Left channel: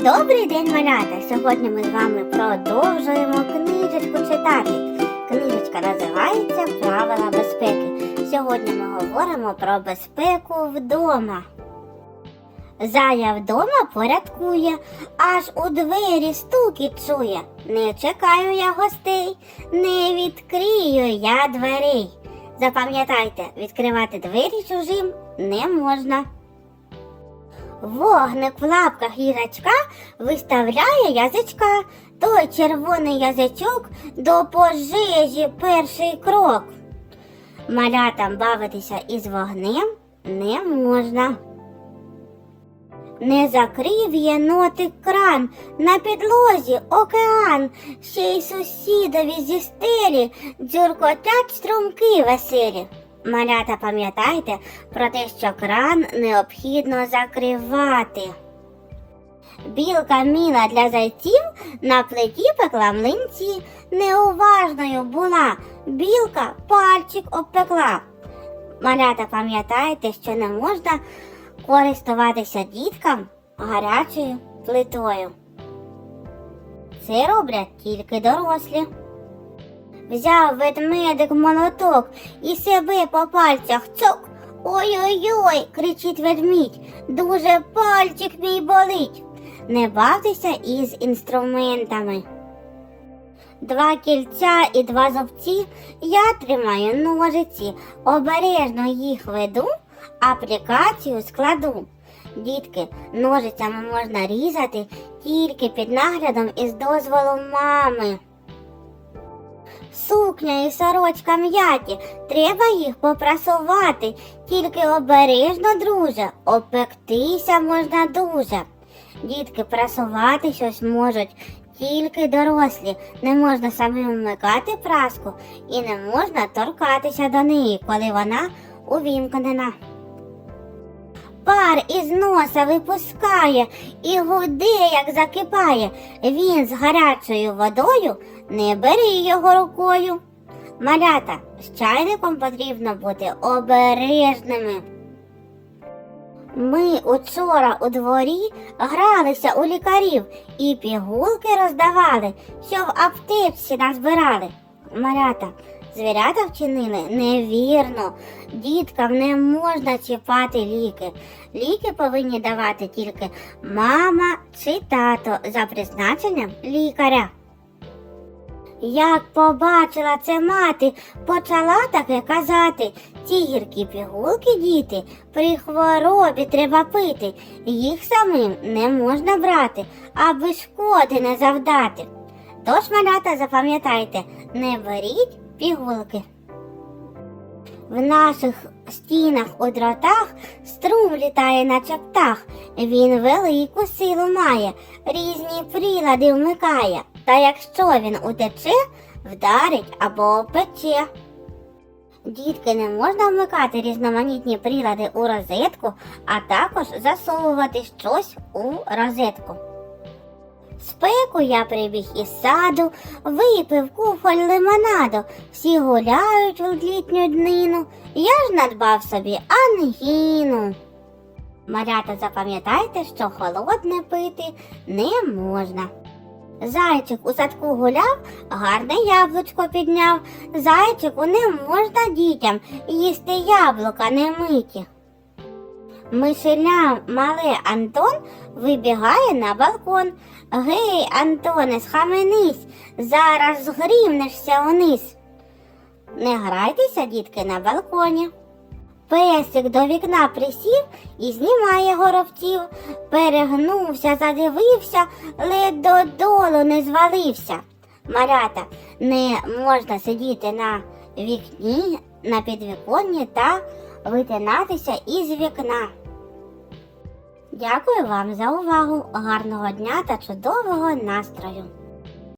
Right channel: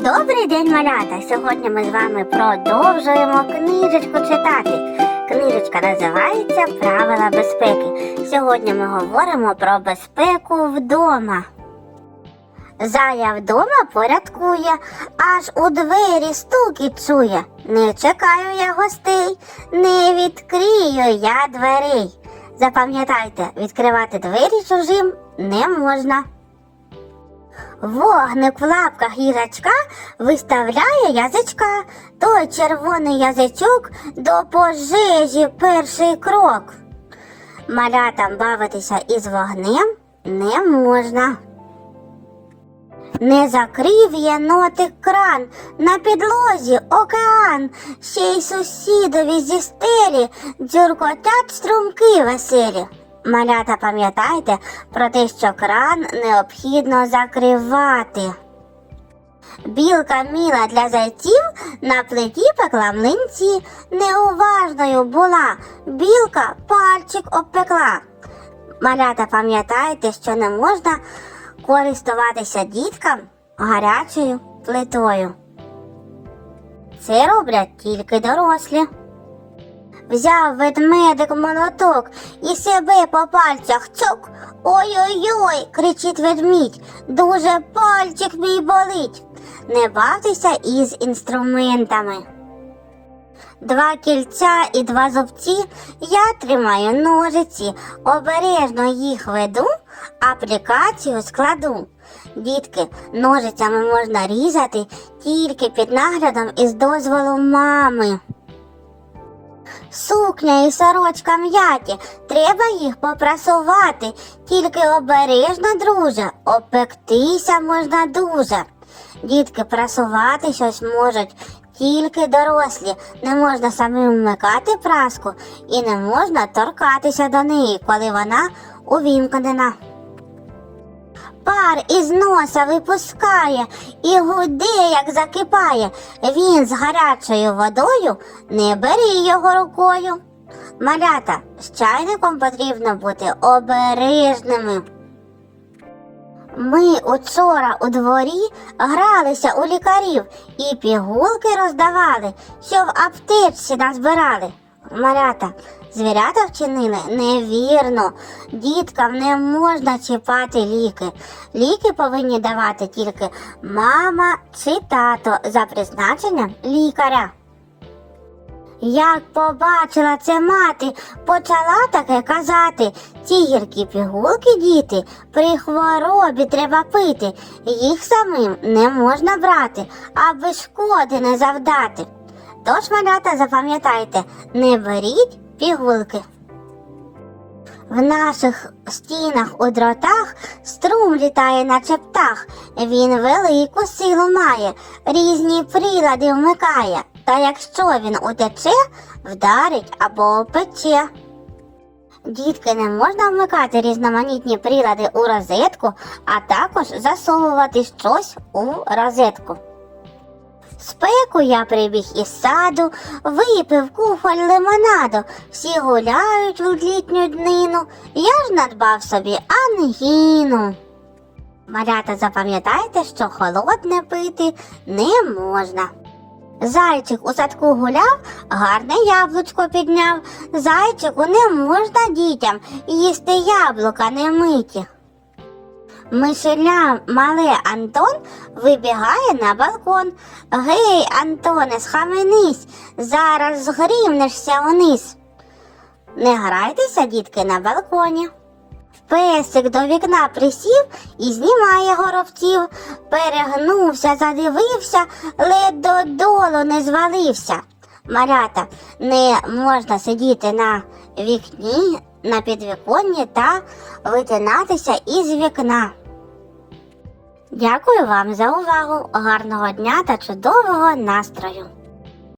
Добрий день, малята! Сьогодні ми з вами продовжуємо книжечку читати. Книжечка називається Правила безпеки. Сьогодні ми говоримо про безпеку вдома. Зая вдома порядкує, аж у двері стукіт чує. Не чекаю я гостей, не відкрию я дверей. Запам'ятайте, відкривати двері чужим не можна. Вогник в лапках їжачка виставляє язичка. Той червоний язичок до пожежі перший крок. Малятам бавитися із вогнем не можна. Не закрив єнотик кран, на підлозі океан, ще й сусідові зі стелі дзюркотять струмки веселі. Малята, пам'ятайте про те, що кран необхідно закривати. Білка міла для зайців на плиті пекла млинці. Неуважною була, білка пальчик обпекла. Малята, пам'ятайте, що не можна користуватися діткам гарячою плитою. Це роблять тільки дорослі. Взяв ведмедик молоток і себе по пальцях цок. Ой-ой-ой, кричить ведмідь, дуже пальчик мій болить. Не бавтеся із інструментами. Два кільця і два зубці я тримаю ножиці, обережно їх веду, аплікацію складу. Дітки, ножицями можна різати тільки під наглядом і з дозволу мами. Сукня і сорочка м'яті, треба їх попрасувати, тільки обережно, друже, обпектися можна дуже. Дітки прасувати щось можуть тільки дорослі, не можна самим вмикати праску і не можна торкатися до неї, коли вона увімкнена. Пар із носа випускає і гуде, як закипає. Він з гарячою водою не бери його рукою. Малята, з чайником потрібно бути обережними. Ми учора у дворі гралися у лікарів і пігулки роздавали, що в аптечці назбирали. Малята, звірята вчинили невірно. Діткам не можна чіпати ліки. Ліки повинні давати тільки мама чи тато за призначенням лікаря. Як побачила це мати, почала таке казати. Ці гіркі пігулки, діти, при хворобі треба пити. Їх самим не можна брати, аби шкоди не завдати. Тож, малята, запам'ятайте, не беріть пігулки. В наших стінах у дротах струм літає, наче птах. Він велику силу має, різні прилади вмикає. Та якщо він утече, вдарить або пече. Дітки не можна вмикати різноманітні прилади у розетку, а також засовувати щось у розетку. Спеку я прибіг із саду, випив кухоль лимонаду, всі гуляють в літню днину, я ж надбав собі ангіну. Малята, запам'ятайте, що холодне пити не можна. Зайчик у садку гуляв, гарне яблучко підняв. Зайчику не можна дітям їсти яблука не миті. Мишеля мале Антон вибігає на балкон. Гей, Антоне, схаменись, зараз згрімнешся униз. Не грайтеся, дітки, на балконі. Песик до вікна присів і знімає горобців, перегнувся, задивився, ледь додолу не звалився. Малята, не можна сидіти на вікні, на підвіконні та витинатися із вікна. Дякую вам за увагу, гарного дня та чудового настрою!